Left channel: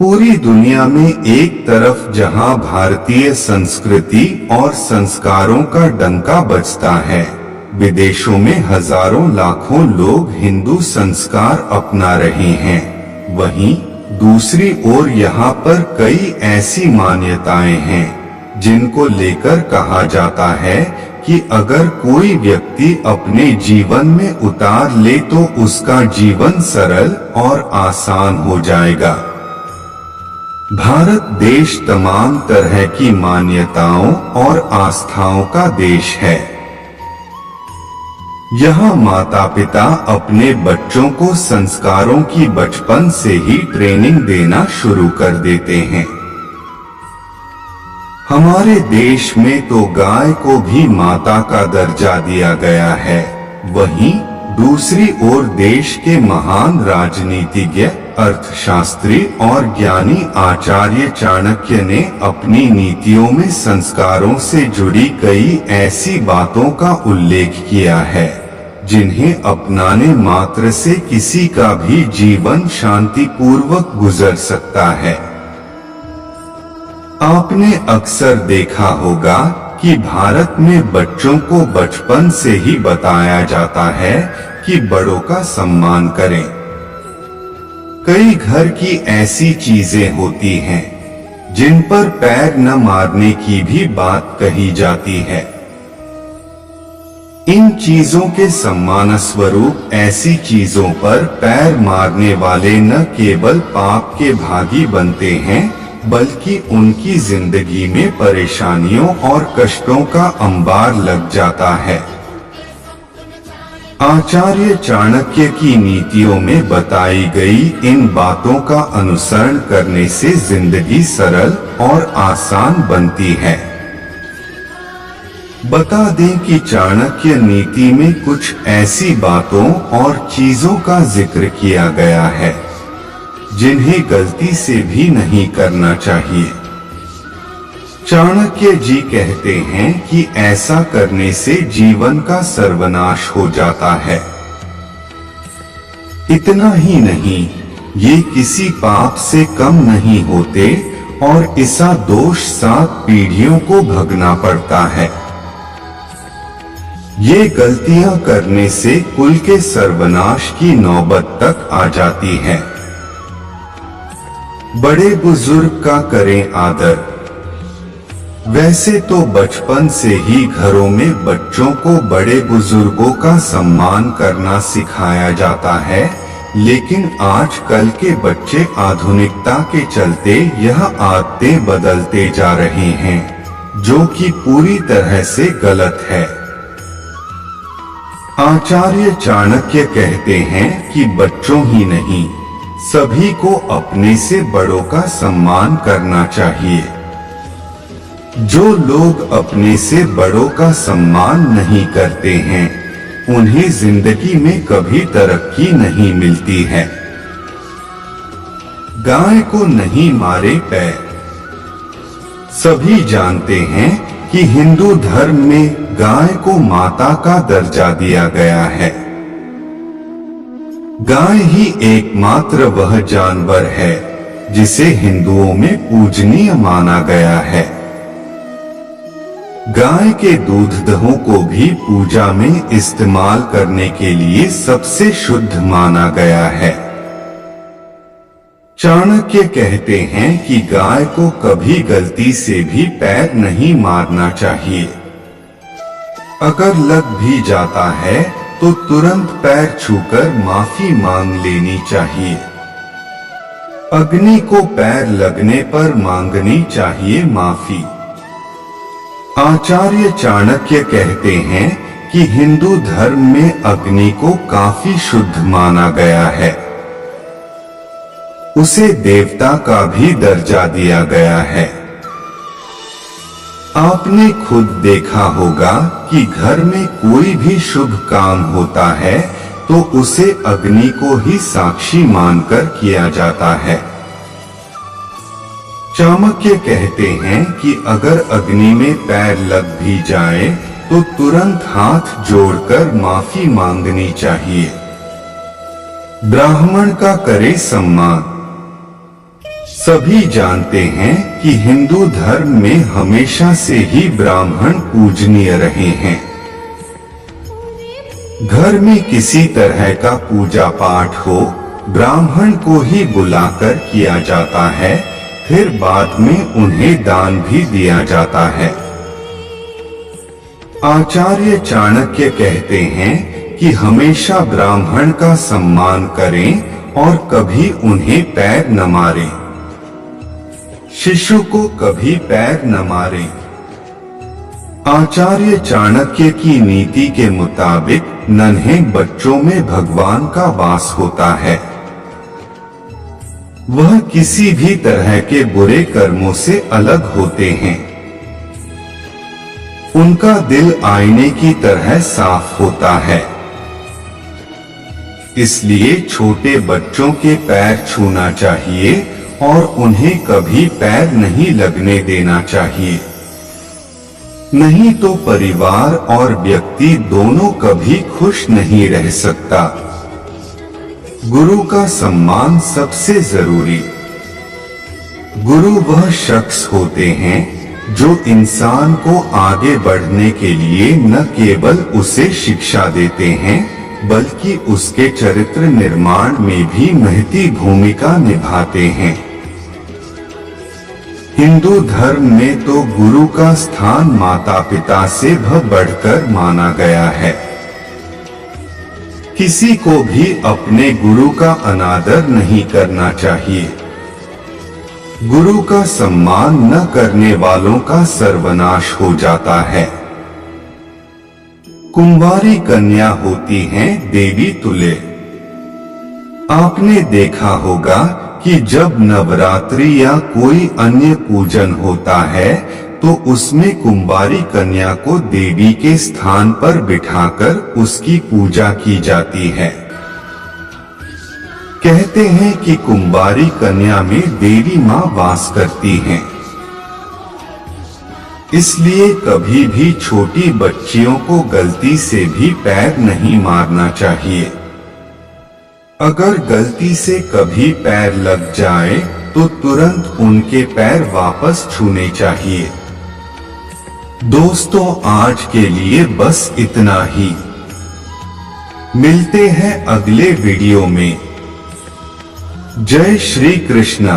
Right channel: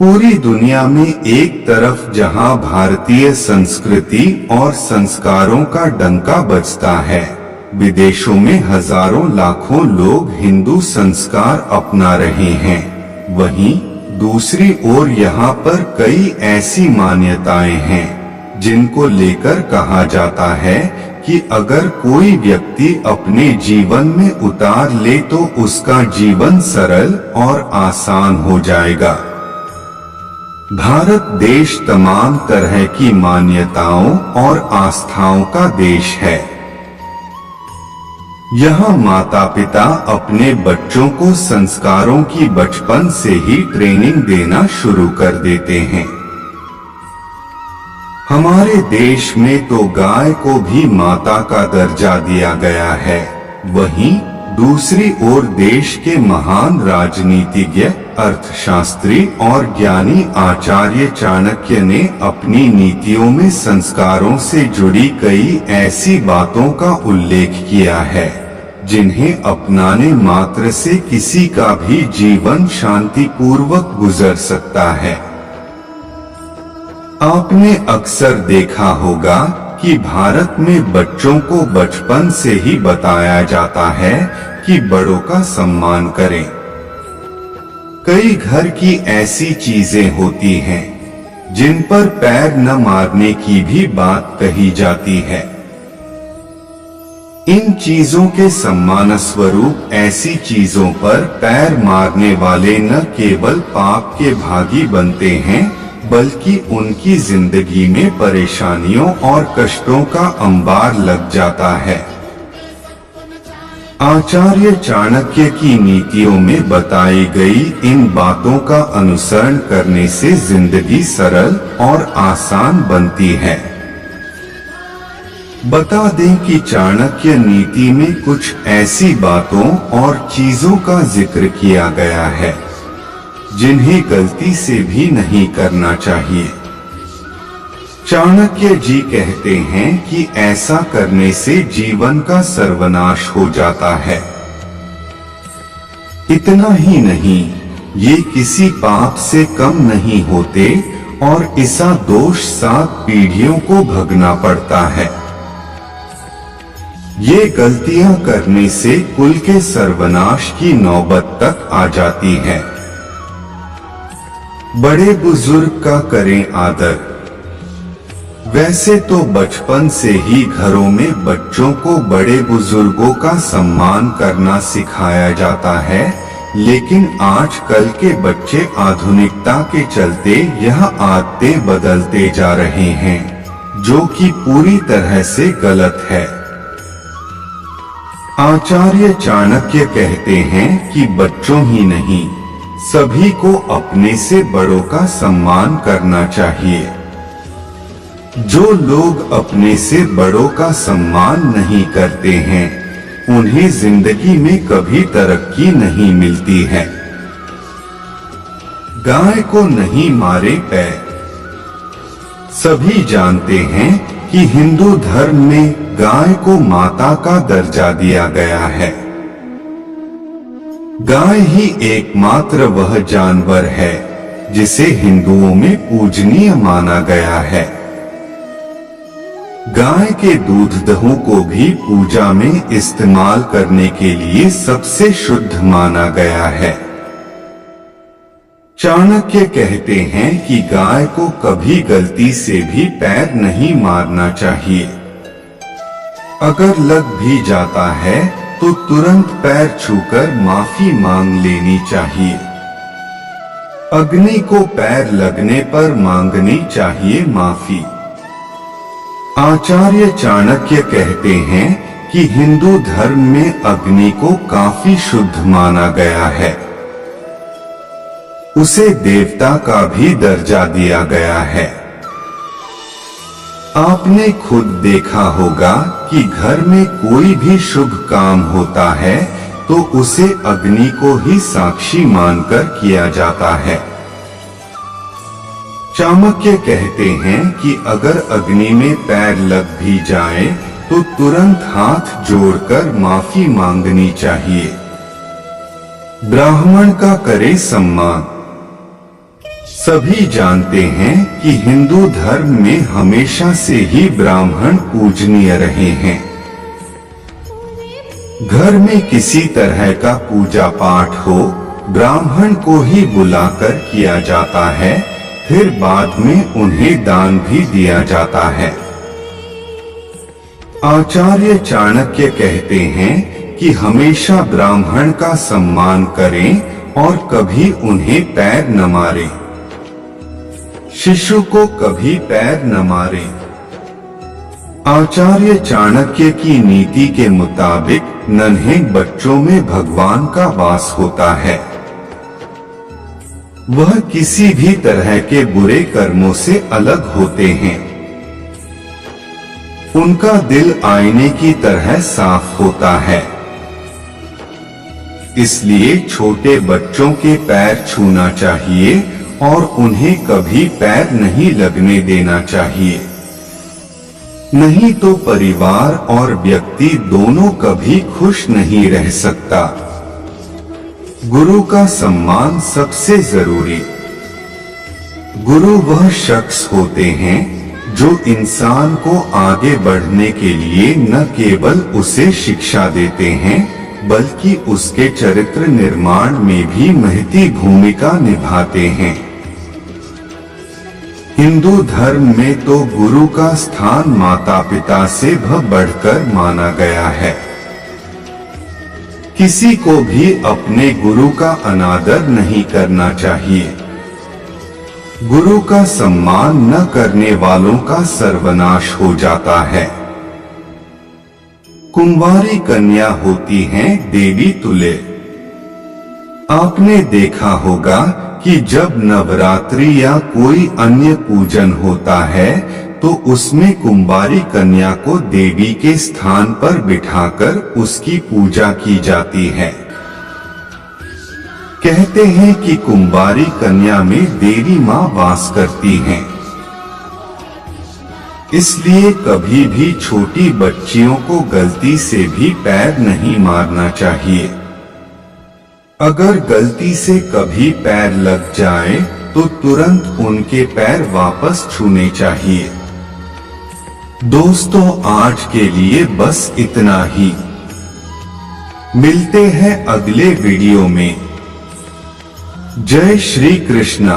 पूरी दुनिया में एक तरफ जहां भारतीय संस्कृति और संस्कारों का डंका बजता है, विदेशों में हजारों लाखों लोग हिंदू संस्कार अपना रहे हैं। वहीं दूसरी ओर यहाँ पर कई ऐसी मान्यताएं हैं जिनको लेकर कहा जाता है कि अगर कोई व्यक्ति अपने जीवन में उतार ले तो उसका जीवन सरल और आसान हो जाएगा। भारत देश तमाम तरह की मान्यताओं और आस्थाओं का देश है। यहाँ माता पिता अपने बच्चों को संस्कारों की बचपन से ही ट्रेनिंग देना शुरू कर देते हैं। हमारे देश में तो गाय को भी माता का दर्जा दिया गया है। वहीं दूसरी ओर देश के महान राजनीतिज्ञ, अर्थशास्त्री और ज्ञानी आचार्य चाणक्य ने अपनी नीतियों में संस्कारों से जुड़ी कई ऐसी बातों का उल्लेख किया है जिन्हें अपनाने मात्र से किसी का भी जीवन शांतिपूर्वक गुजर सकता है। आपने अक्सर देखा होगा कि भारत में बच्चों को बचपन से ही बताया जाता है कि बड़ों का सम्मान करें। कई घर की ऐसी चीजें होती हैं जिन पर पैर न मारने की भी बात कही जाती है। इन चीजों के सम्मान स्वरूप ऐसी चीजों पर पैर मारने वाले न केवल पाप के भागी बनते हैं बल्कि उनकी जिंदगी में परेशानियों और कष्टों का अंबार लग जाता है। आचार्य चाणक्य की नीतियों में बताई गई इन बातों का अनुसरण करने से जिंदगी सरल और आसान बनती है। बता दें कि चाणक्य नीति में कुछ ऐसी बातों और चीजों का जिक्र किया गया है जिन्हें गलती से भी नहीं करना चाहिए। चाणक्य जी कहते हैं कि ऐसा करने से जीवन का सर्वनाश हो जाता है। इतना ही नहीं, ये किसी पाप से कम नहीं होते और ऐसा दोष 7 पीढ़ियों को भगना पड़ता है। ये गलतियां करने से कुल के सर्वनाश की नौबत तक आ जाती है। बड़े बुजुर्ग का करें आदर। वैसे तो बचपन से ही घरों में बच्चों को बड़े बुजुर्गों का सम्मान करना सिखाया जाता है, लेकिन आजकल के बच्चे आधुनिकता के चलते यह आदतें बदलते जा रहे हैं, जो कि पूरी तरह से गलत है। आचार्य चाणक्य कहते हैं कि बच्चों ही नहीं, सभी को अपने से बड़ों का सम्मान करना चाहिए। जो लोग अपने से बड़ों का सम्मान नहीं करते हैं, उन्हें जिंदगी में कभी तरक्की नहीं मिलती है। गाय को नहीं मारे पैर। सभी जानते हैं कि हिंदू धर्म में गाय को माता का दर्जा दिया गया है। गाय ही एकमात्र वह जानवर है जिसे हिंदुओं में पूजनीय माना गया है। गाय के दूध दही को भी पूजा में इस्तेमाल करने के लिए सबसे शुद्ध माना गया है। चाणक्य कहते हैं कि गाय को कभी गलती से भी पैर नहीं मारना चाहिए। अगर लग भी जाता है तो तुरंत पैर छूकर माफी मांग लेनी चाहिए। अग्नि को पैर लगने पर मांगनी चाहिए माफी। आचार्य चाणक्य कहते हैं कि हिंदू धर्म में अग्नि को काफी शुद्ध माना गया है। उसे देवता का भी दर्जा दिया गया है। आपने खुद देखा होगा कि घर में कोई भी शुभ काम होता है तो उसे अग्नि को ही साक्षी मानकर किया जाता है। चाणक्य कहते हैं कि अगर अग्नि में पैर लग भी जाए तो तुरंत हाथ जोड़कर माफी मांगनी चाहिए। ब्राह्मण का करे सम्मान। सभी जानते हैं कि हिंदू धर्म में हमेशा से ही ब्राह्मण पूजनीय रहे हैं। घर में किसी तरह का पूजा पाठ हो, ब्राह्मण को ही बुलाकर किया जाता है, फिर बाद में उन्हें दान भी दिया जाता है। आचार्य चाणक्य कहते हैं कि हमेशा ब्राह्मण का सम्मान करें और कभी उन्हें पैर न मारें। शिशु को कभी पैर न मारें। आचार्य चाणक्य की नीति के मुताबिक नन्हे बच्चों में भगवान का वास होता है। वह किसी भी तरह के बुरे कर्मों से अलग होते हैं। उनका दिल आईने की तरह साफ होता है। इसलिए छोटे बच्चों के पैर छूना चाहिए और उन्हें कभी पैर नहीं लगने देना चाहिए। नहीं तो परिवार और व्यक्ति दोनों कभी खुश नहीं रह सकता। गुरु का सम्मान सबसे जरूरी। गुरु वह शख्स होते हैं जो इंसान को आगे बढ़ने के लिए न केवल उसे शिक्षा देते हैं, बल्कि उसके चरित्र निर्माण में भी महती भूमिका निभाते हैं। हिंदू धर्म में तो गुरु का स्थान माता पिता से बढ़कर माना गया है। किसी को भी अपने गुरु का अनादर नहीं करना चाहिए। गुरु का सम्मान न करने वालों का सर्वनाश हो जाता है। कुंवारी कन्या होती हैं देवी तुल्य। आपने देखा होगा कि जब नवरात्रि या कोई अन्य पूजन होता है तो उसमें कुंवारी कन्या को देवी के स्थान पर बिठाकर उसकी पूजा की जाती है। कहते हैं कि कुंवारी कन्या में देवी मां वास करती हैं। इसलिए कभी भी छोटी बच्चियों को गलती से भी पैर नहीं मारना चाहिए। अगर गलती से कभी पैर लग जाए तो तुरंत उनके पैर वापस छूने चाहिए। दोस्तों, आज के लिए बस इतना ही। मिलते हैं अगले वीडियो में। जय श्री कृष्णा।